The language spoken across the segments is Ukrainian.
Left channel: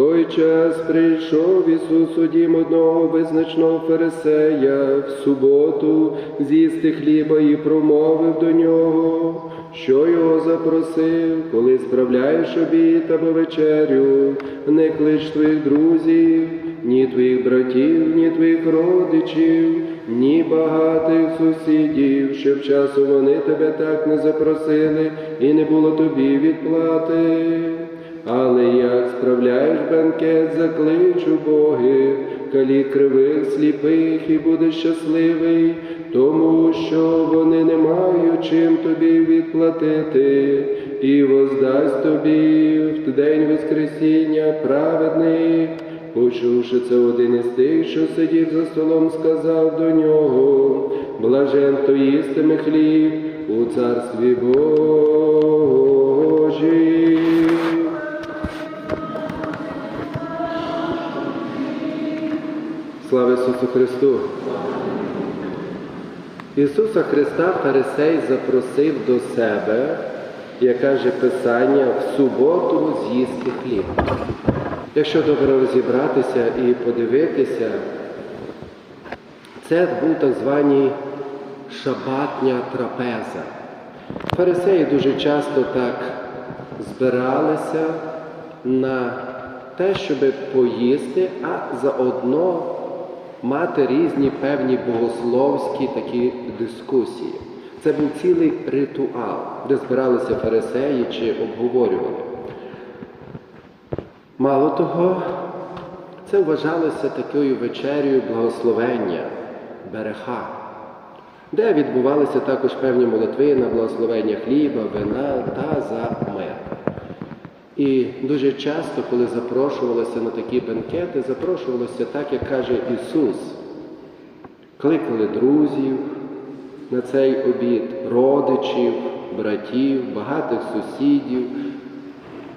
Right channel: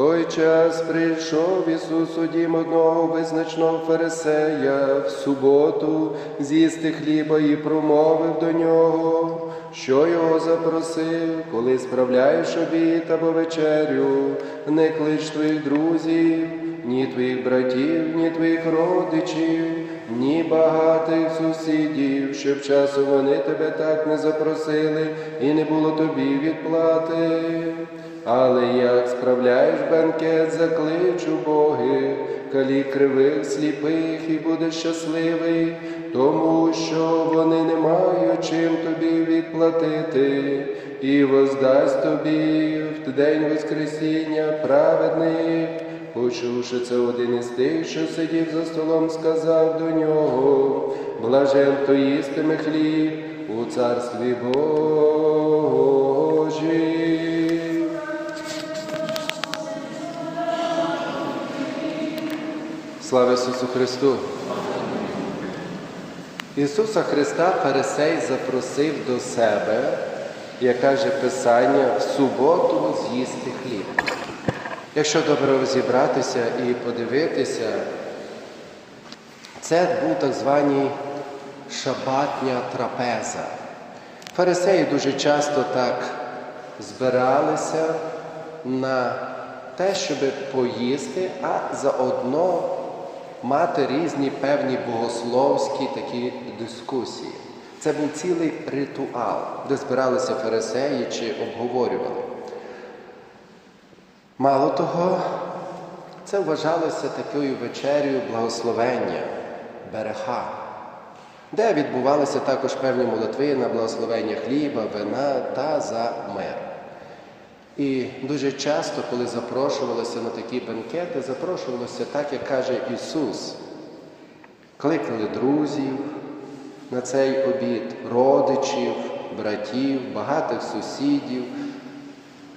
той час прийшов Ісус у дім одного визначного фарисея в суботу з'їсти хліба і промовив до нього, що його запросив, коли справляєш обід або вечерю, не клич твоїх друзів, ні твоїх братів, ні твоїх родичів, ні багатих сусідів, щоб часом вони тебе так не запросили, і не було тобі відплати. Але як справляєш бенкет, заклич убогих, калі кривих, сліпих, і будеш щасливий, тому що вони не мають чим тобі відплатити, і воздасть тобі в день Воскресіння праведних. Почувши це один із тих, що сидів за столом, сказав до нього, блажен, хто їстиме хліб у царстві Божій. Слава Ісусу Христу! Ісуса Христа Фарисей запросив до себе, як каже Писання, в суботу з'їсти хліб. Якщо добре розібратися і подивитися, це був так званий шабатня трапеза. Фарисеї дуже часто так збиралися на те, щоб поїсти, а заодно мати різні певні богословські такі дискусії. Це був цілий ритуал, де збиралися фарисеї чи обговорювали. Мало того, це вважалося такою вечерею благословення, береха, де відбувалися також певні молитви на благословення хліба, вина та за мир. І дуже часто, коли запрошувалися на такі бенкети, запрошувалося так, як каже Ісус. Кликали друзів на цей обід, родичів, братів, багатих сусідів.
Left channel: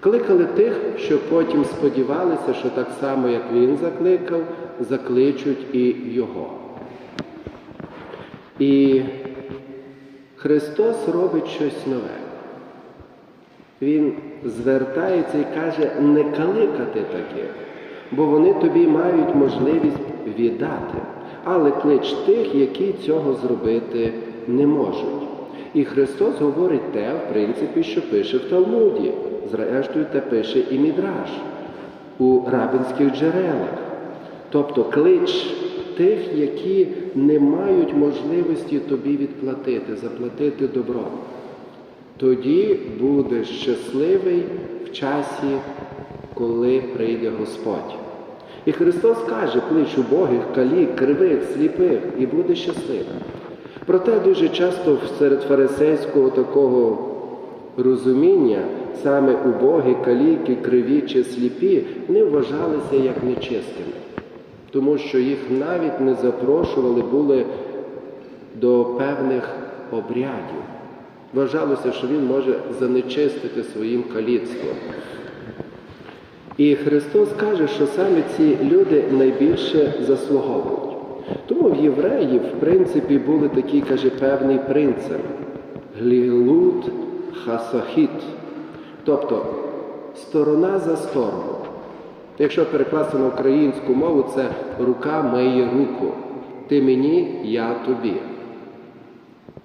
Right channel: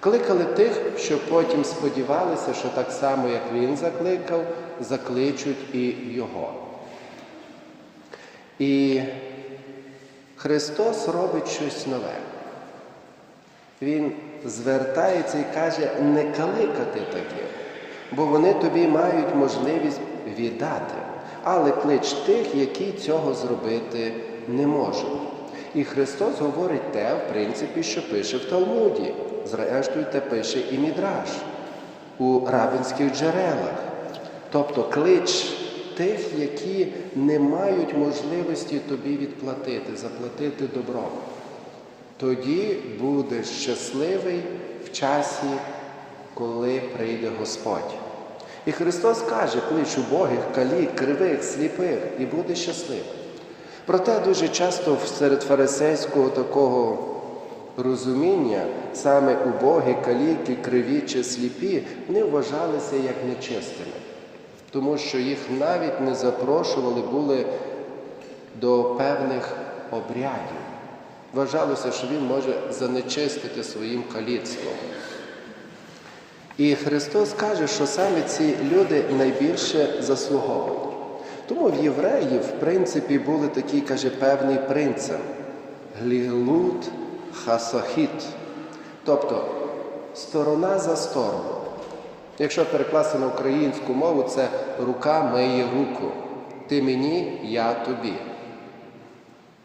Кликали тих, що потім сподівалися, що так само, як він закликав, закличуть і Його. І Христос робить щось нове. Він звертається і каже, не кликати таких, бо вони тобі мають можливість віддати. Але клич тих, які цього зробити не можуть. І Христос говорить те, в принципі, що пише в Талмуді. Зрештою, те пише і Мідраш у рабинських джерелах. Тобто клич тих, які не мають можливості тобі відплатити, заплатити добром. Тоді будеш щасливий в часі, коли прийде Господь. І Христос каже, клич убогих, калік, кривих, сліпих, і буде щасливим. Проте дуже часто серед фарисейського такого розуміння саме убогі, каліки, криві чи сліпі не вважалися як нечистими, тому що їх навіть не запрошували були до певних обрядів. Вважалося, що він може занечистити своїм каліцтвом. І Христос каже, що саме ці люди найбільше заслуговують. Тому в євреїв, в принципі, були такий, каже, певний принцип глілут хасахіт, тобто сторона за сторону. Якщо перекласти на українську мову, це рука миє руку. Ти мені, я тобі.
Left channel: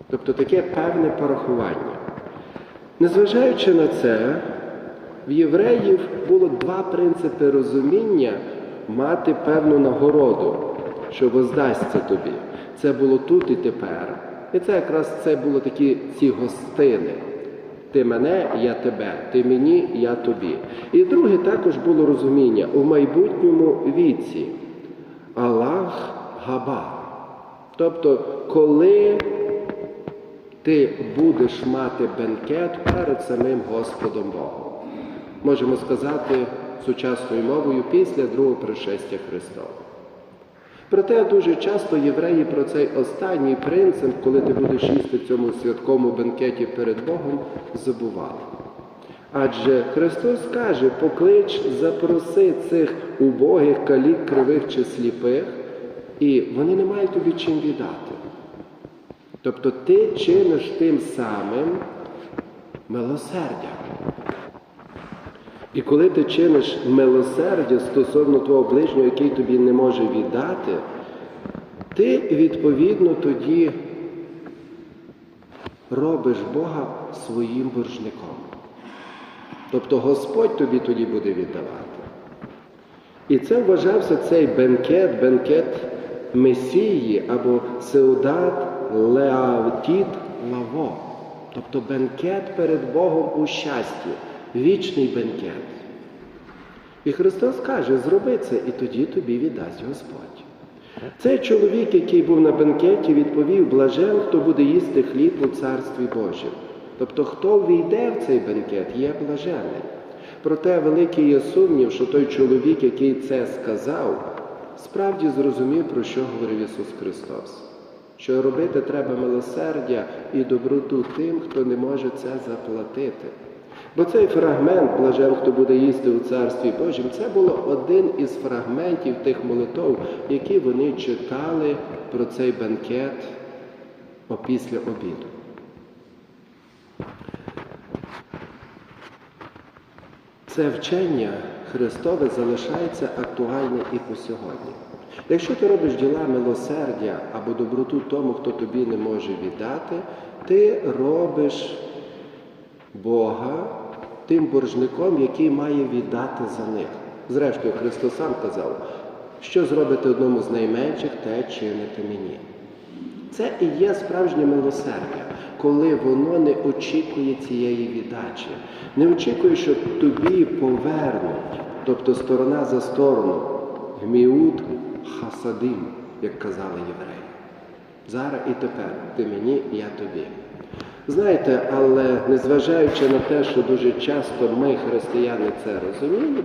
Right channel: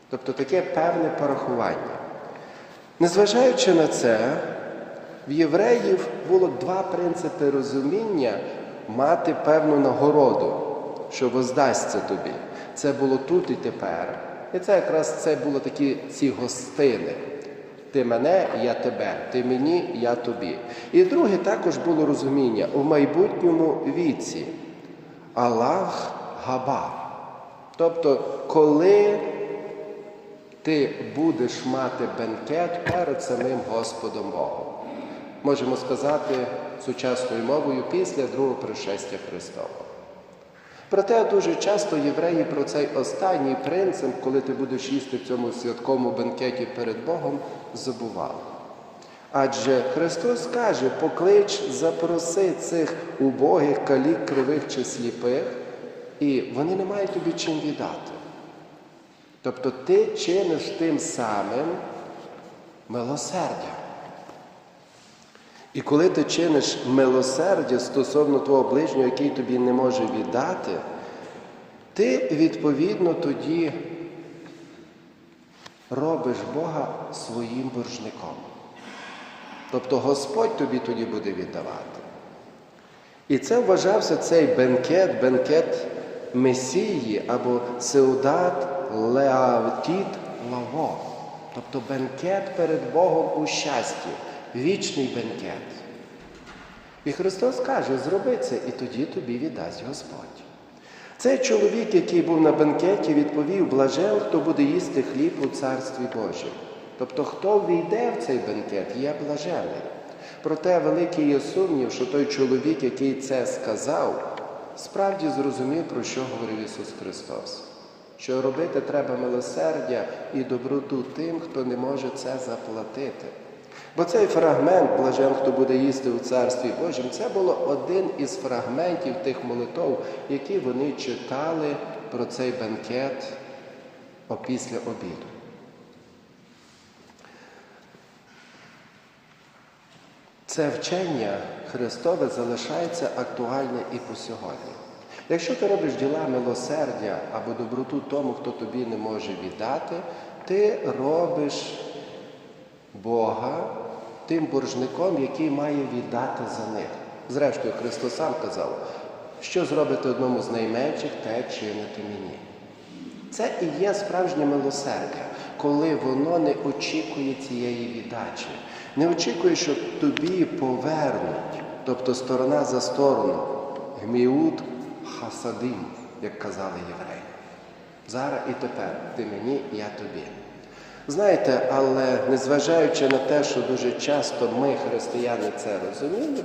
Тобто таке певне порахування. Незважаючи на це, в євреїв було два принципи розуміння мати певну нагороду, що воздасться тобі. Це було тут і тепер. І це якраз це було такі ці гостини. Ти мене, я тебе, ти мені, я тобі. І друге також було розуміння у майбутньому віці. Аллах Габа. Тобто, коли ти будеш мати бенкет перед самим Господом Богом. Можемо сказати сучасною мовою після другого пришестя Христового. Проте дуже часто євреї про цей останній принцип, коли ти будеш їсти в цьому святковому бенкеті перед Богом, забували. Адже Христос каже, поклич, запроси цих убогих, калік, кривих чи сліпих, і вони не мають тобі чим віддати. Тобто ти чиниш тим самим милосердя. І коли ти чиниш милосердя стосовно твого ближнього, який тобі не може віддати, ти відповідно тоді робиш Бога своїм боржником. Тобто Господь тобі тоді буде віддавати. І це вважався цей бенкет, бенкет Месії або Сеудат Леавтіт Лаво. Тобто бенкет перед Богом у щасті, вічний бенкет. І Христос каже, зроби це, і тоді тобі віддасть Господь. Цей чоловік, який був на бенкеті, відповів: блажен, хто буде їсти хліб у Царстві Божім. Тобто, хто війде в цей бенкет, є блажений. Проте великий є сумнів, що той чоловік, який це сказав, справді зрозумів, про що говорив Ісус Христос. Що робити треба милосердя і доброту тим, хто не може це заплатити. Бо цей фрагмент, блажен, хто буде їсти у Царстві Божім, це було один із фрагментів тих молитов, які вони читали про цей бенкет опісля обіду. Це вчення Христове залишається актуальне і по сьогодні. Якщо ти робиш діла милосердя або доброту тому, хто тобі не може віддати, ти робиш Бога тим боржником, який має віддати за них. Зрештою, Христос сам казав, що зробите одному з найменших, те чините мені. Це і є справжнє милосердя, коли воно не очікує цієї віддачі, не очікує, що тобі повернуть, тобто сторона за сторону, гміут хасадим, як казали євреї. Зараз і тепер ти мені, я тобі. Знаєте, але незважаючи на те, що дуже часто ми, християни, це розуміємо,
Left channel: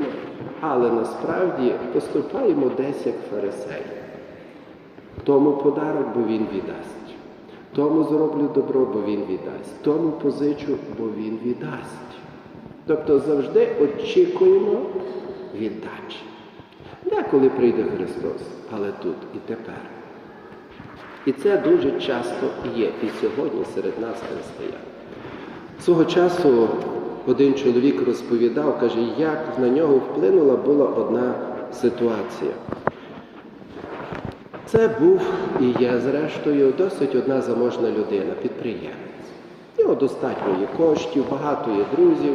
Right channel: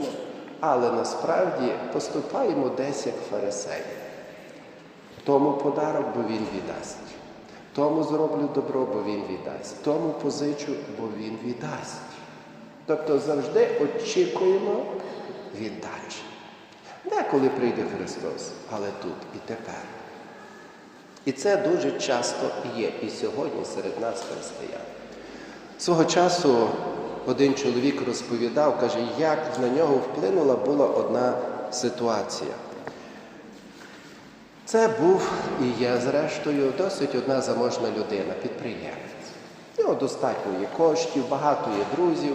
але насправді поступаємо десь як фарисеї. Тому подарок, бо він віддасть. Тому зроблю добро, бо він віддасть. Тому позичу, бо він віддасть. Тобто завжди очікуємо віддачі. Деколи прийде Христос, але тут і тепер. І це дуже часто є і сьогодні серед нас християн. Свого часу один чоловік розповідав, каже, як на нього вплинула була одна ситуація. Це був і є, зрештою, досить одна заможна людина, підприємець. У нього достатньо є коштів, багато є друзів.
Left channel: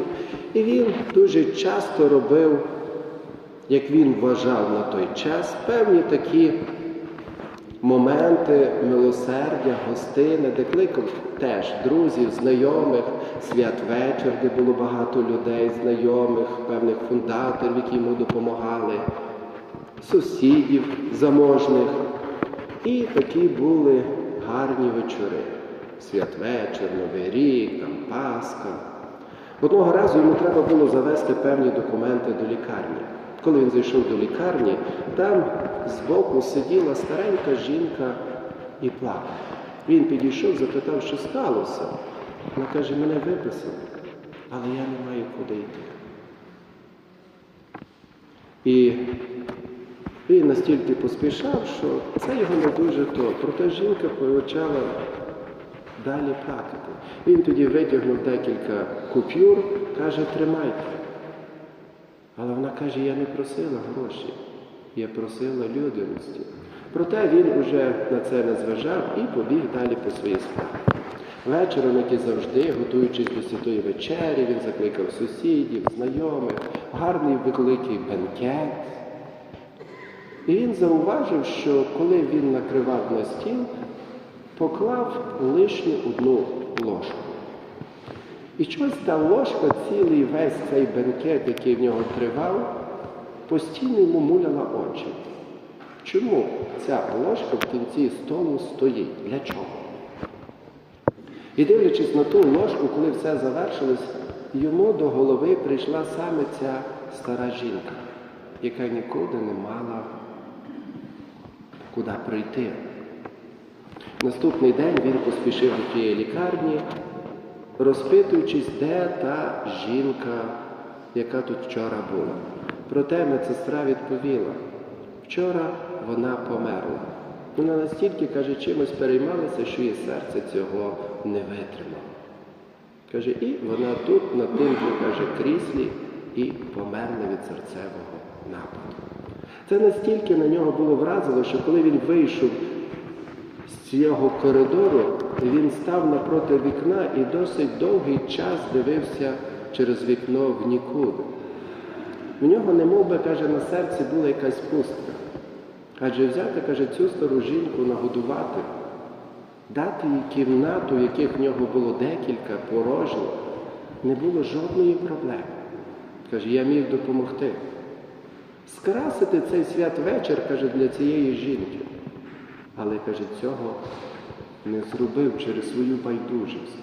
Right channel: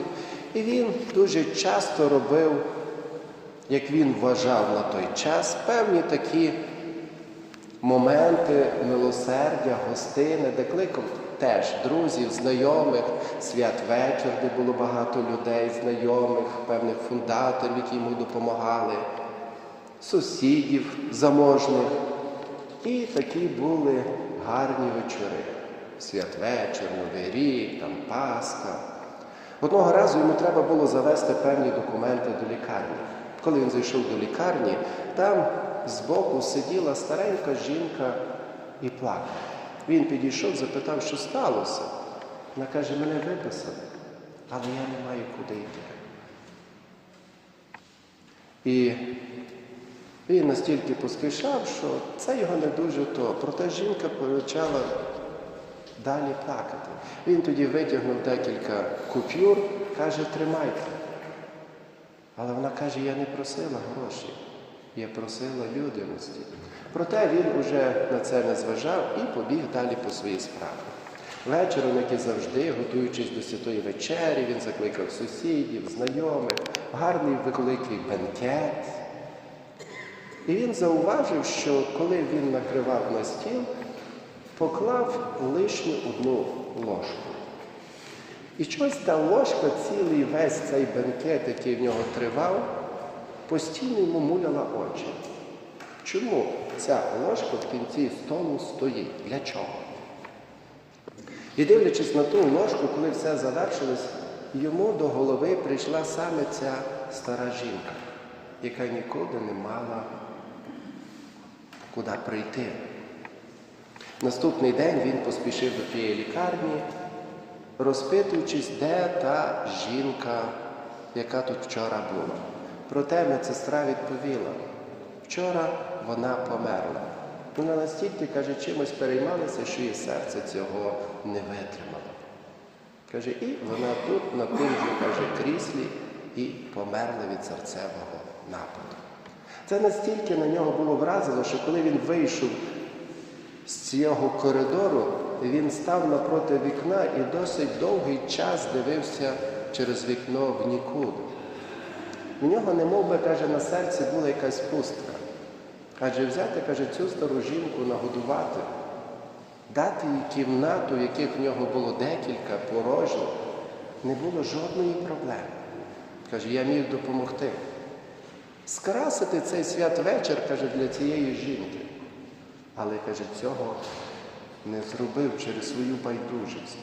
І він дуже часто робив, як він вважав на той час, певні такі моменти милосердя, гостини, де кликав теж друзів, знайомих, святвечір, де було багато людей, знайомих, певних фундаторів, які йому допомагали, сусідів заможних. І такі були гарні вечори. Святвечір, Новий рік, там Пасха. Одного разу йому треба було завести певні документи до лікарні. Коли він зайшов до лікарні, там збоку сиділа старенька жінка і плакала. Він підійшов, запитав, що сталося. Вона каже, мене виписали, але я не маю куди йти. І він настільки поспішав, що це його не дуже то. Проте жінка почала далі плакати. Він тоді витягнув декілька купюр, каже, тримайте. Але вона каже, я не просила гроші, я просила людяності. Проте він уже на це не зважав і побіг далі по своїй справі. Вечором, як і завжди, готуючись до святої вечері, він закликав сусідів, знайомих, гарний великий бенкет. І він зауважив, що коли він накривав на стіл, поклав лишню одну ложку. І щось та ложка, цілий весь цей бенкет, який в нього тривав, постійно йому муляла очі. Чому ця ложка в кінці столу стоїть? Для чого? І дивлячись на ту ложку, коли все завершилось, йому до голови прийшла саме ця стара жінка, яка нікуди не мала куди прийти. Наступний день він поспішив до тієї лікарні, розпитуючись, де та жінка, яка тут вчора була. Проте медсестра відповіла, вчора вона померла. Вона настільки, каже, чимось переймалася, що її серце цього не витримало. Каже, і вона тут, на тим же, каже, кріслі, і померли від серцевого нападу. Це настільки на нього було вразило, що коли він вийшов з цього коридору, він став напроти вікна і досить довгий час дивився через вікно в нікуди. В нього, не би, каже, на серці була якась пустка. Адже взяти, каже, цю стару жінку нагодувати, дати їй кімнату, в яких в нього було декілька порожніх, не було жодної проблеми. Каже, я міг допомогти. Скрасити цей святвечір, каже, для цієї жінки. Але, каже, цього не зробив через свою байдужість.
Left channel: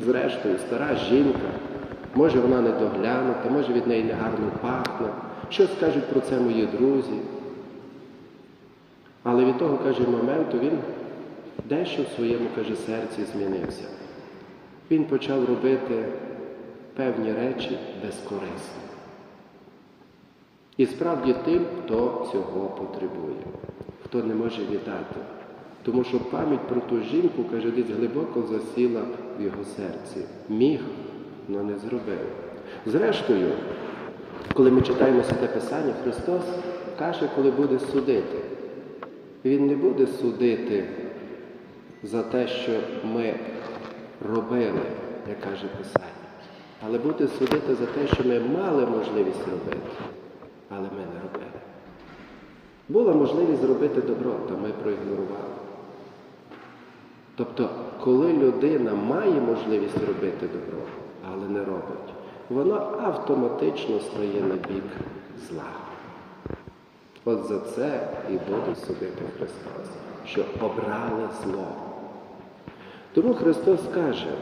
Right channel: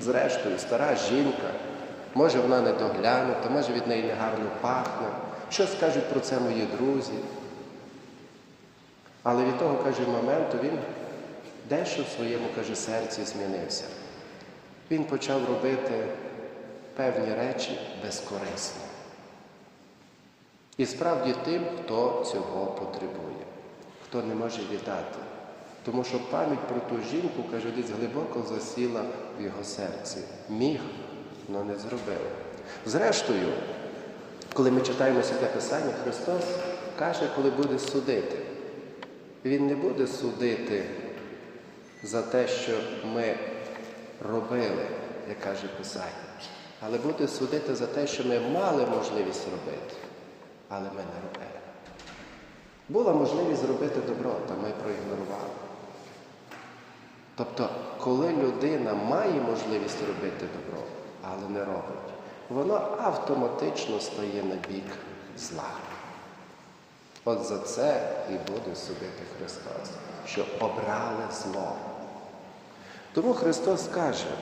Зрештою, стара жінка, може вона не доглянута, може від неї негарно пахне. Що скажуть про це мої друзі? Але від того, каже, моменту він дещо в своєму, каже, серці змінився. Він почав робити певні речі безкорисно. І справді тим, хто цього потребує, хто не може віддати. Тому що пам'ять про ту жінку, каже, десь глибоко засіла в його серці. Міг, але не зробив. Зрештою, коли ми читаємо Святе Писання, Христос каже, коли буде судити. Він не буде судити за те, що ми робили, як каже Писання, але буде судити за те, що ми мали можливість робити, але ми не робили. Була можливість зробити добро, та ми проігнорували. Тобто, коли людина має можливість робити добро, але не робить, воно автоматично стає на бік зла. От за це і буде судити Христос, що обрали зло. Тому Христос каже,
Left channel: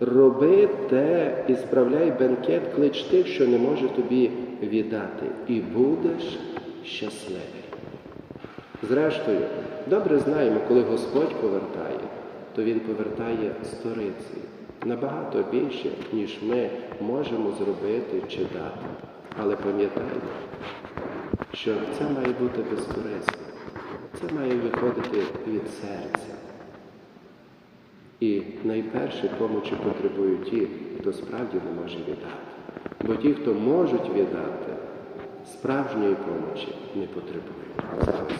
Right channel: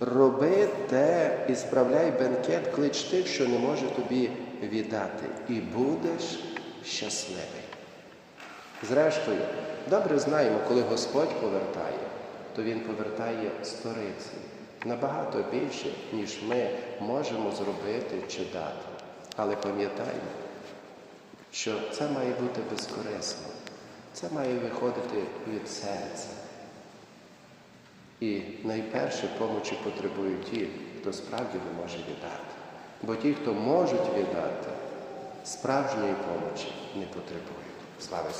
роби те і справляй бенкет, клич тих, що не може тобі віддати, і будеш щасливий. Зрештою, добре знаємо, коли Господь повертає, то Він повертає сторицею набагато більше, ніж ми можемо зробити чи дати. Але пам'ятаймо, що це має бути безкорисно, це має виходити від серця. І найперше помочі потребують ті, хто справді не може віддати. Бо ті, хто можуть віддати, справжньої помочі не потребують. Слава!